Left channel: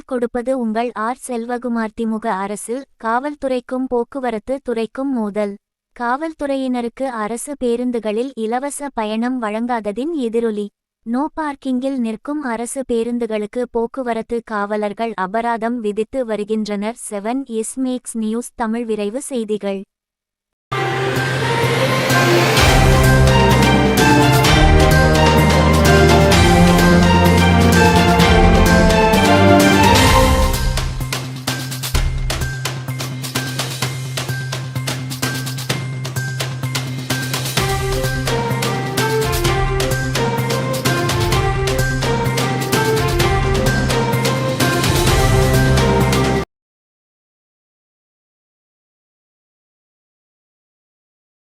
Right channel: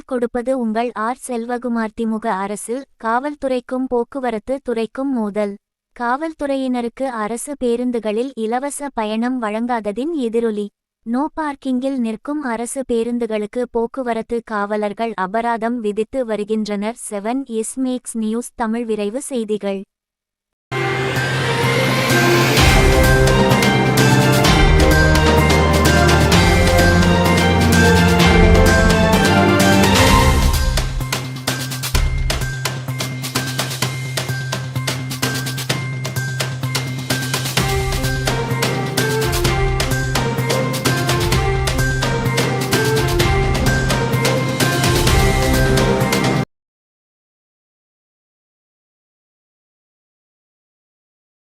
செய்திகள் கொடுப்பது உங்கள் ஆர். செல்வகுமார். திமுக அரசில் காவல்துறைக்கும் போக்குவரத்து துறைக்கும் மோதல். காவல்துறையினருக்கு அரசு பேருந்துகளில் இலவச பயணம் வழங்காததின் எதிரொலி. நோ பார்க்கிங்கில் நிற்கும் அரசு பேருந்துகளுக்கு போக்குவரத்து காவலர்கள் அபராதம் விதித்து வருகின்றனர். 7 எஸ் மேக்ஸ் நியூஸ் தமிழ் விரைவு செய்திகள்.